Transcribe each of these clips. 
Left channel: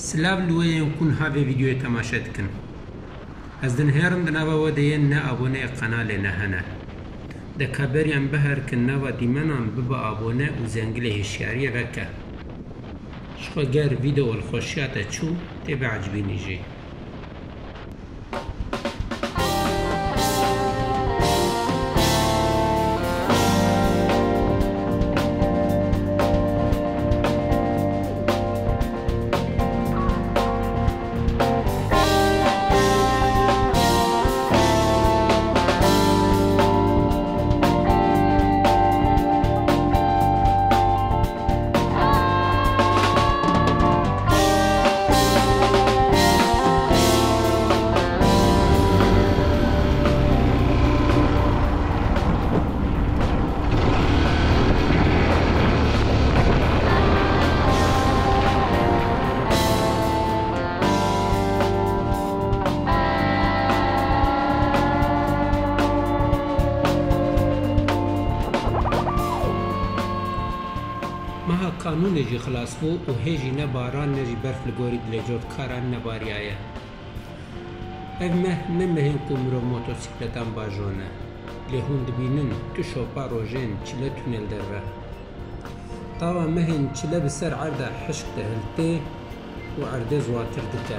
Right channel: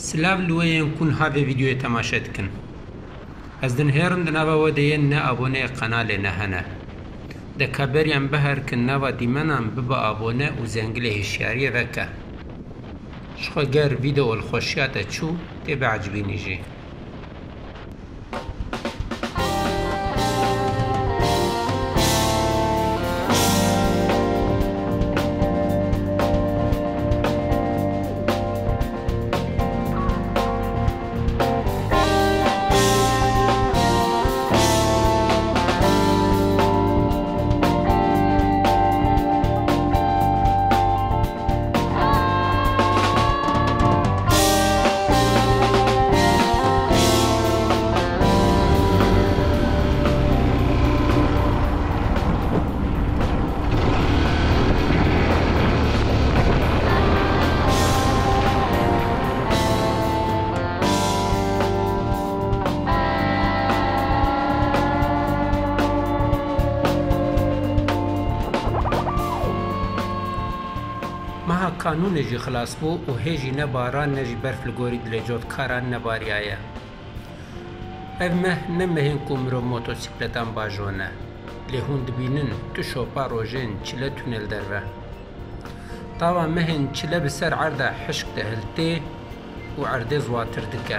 سلاف لوين كون هذا فيديو تماشتكن از دنهرم دنابا ودين نا ابونه قناه لنهنا ده كبريان بهر كنابا ديمنام ببا ابونه وزنگله هشياريه وكا شخو گر فيديو الخوشيات تشو تبع عجبيني جي قانون جی خلاص بو و هیجی نباران نجی برف لگوری دلجوت کاران نباری آیا اوه نمهین کمرو موتوسیکلتان باجونه لیهون دبینن تو شوپا روژین چله تونل در ره طاوا مهین چله بسر عرده حشک دهلتی و عرده زواتر دکه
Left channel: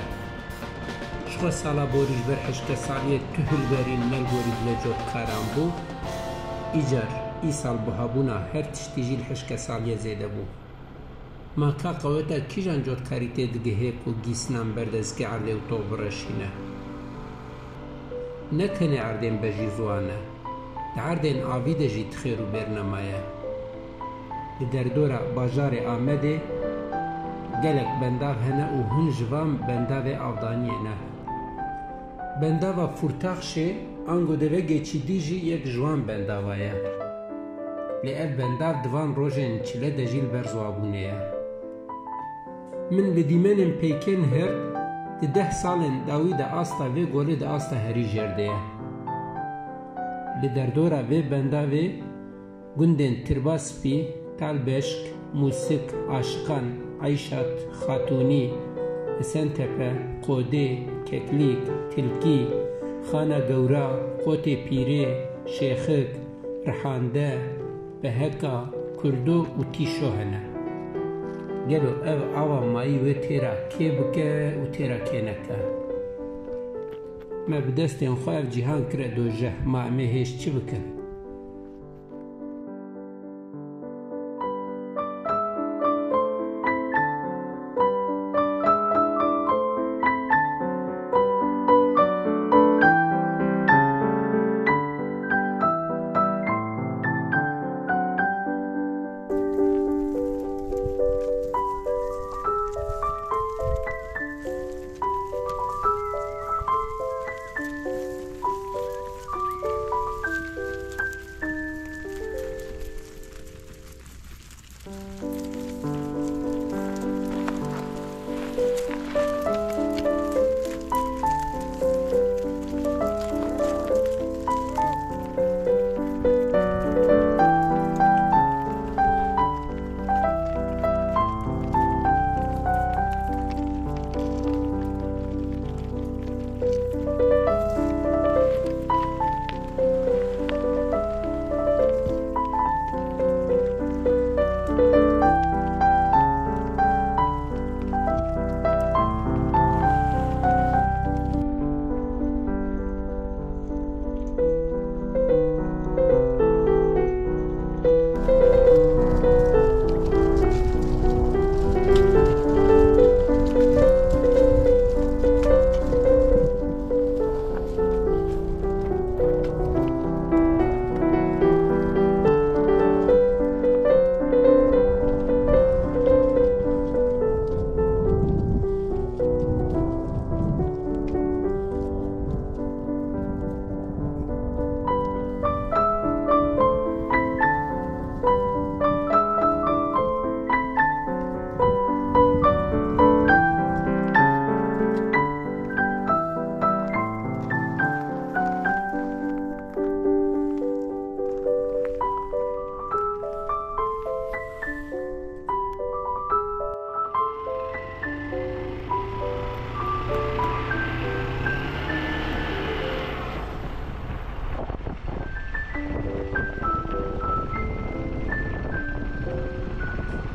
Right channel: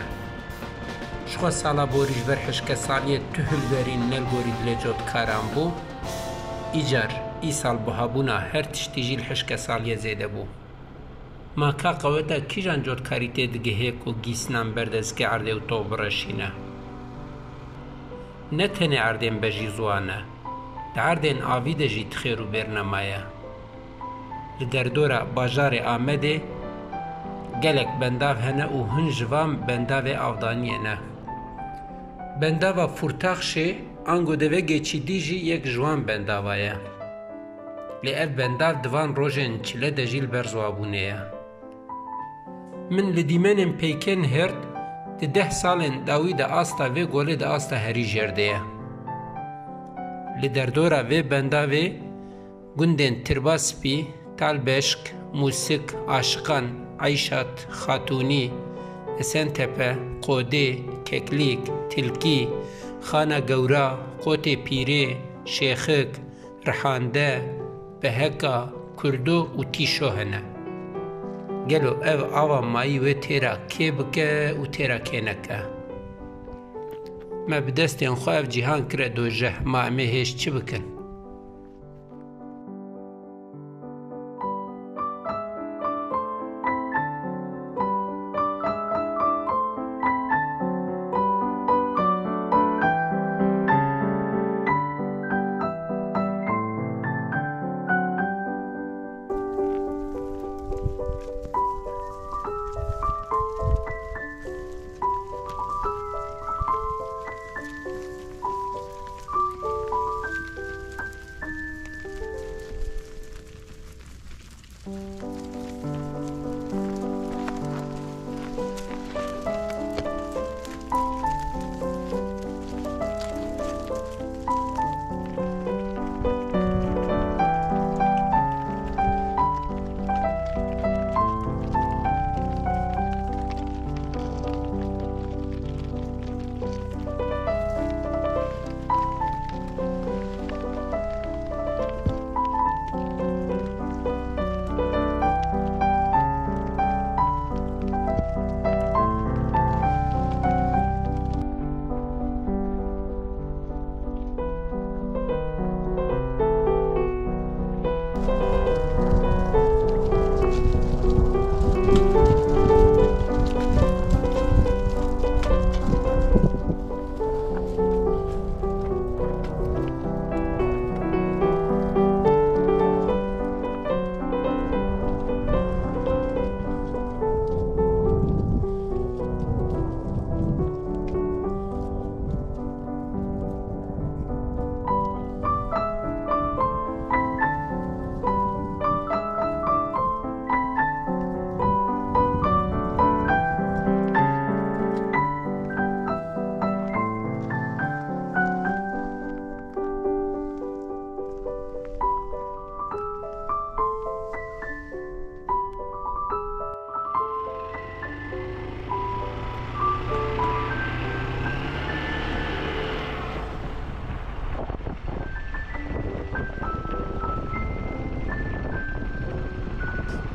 شخوا سالا بوریش بر حشک سالیه تهل برین نلگوری دلجوت کاران بو ایجار ای سال بوهابونا هر تشتیجی الحشک سالیه زیده بو ما کا قوتا کیجان جوت کاریته دگه هیکو گیسنان بردز که عرده و تو برشینه نتنه عردین بجی زوانه ده عردین آویده جی تخیرو برنمایه لدردورا باجار آمده گلک بنداو هنه و هنجوام بنداو آودانیه نه بنداو فورتاخ شه انگو دوه گیچی دیجی یک جوان بنداوایه لی اف بنداو دوان روژن چله دجیل برزوابونه من لدیمنم پیکن هرد ده سالن داوی ده آستا و گوله ده آستا هری جرده لدردورا و بنداوی گندن ترباسپی تالبشک موسیق عاشقان عیشات خاتونی اسنتپه قوده ککلیک تلکی خانه گورا قوت پیره شیخک رحانده بهکا کردو و تیشو هنه گلو او آوا مایی و تیرا که بکه و تیرا که نکه ما بدستین خواه جیهان کرد و جه ما امهش چی بکن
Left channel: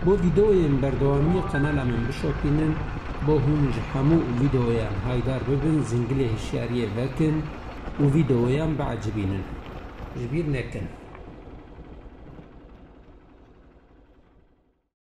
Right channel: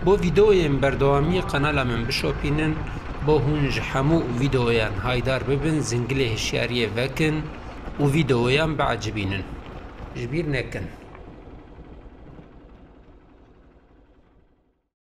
بۆ ڤیدۆیên بەردەوامی قەنەلا من بشۆپینن بۆ hûn ji hemû vîdeoyan haydar bibin, zingilê hişyariyê vekin û vîdeoyan biecibînin. Ji bîr nekin.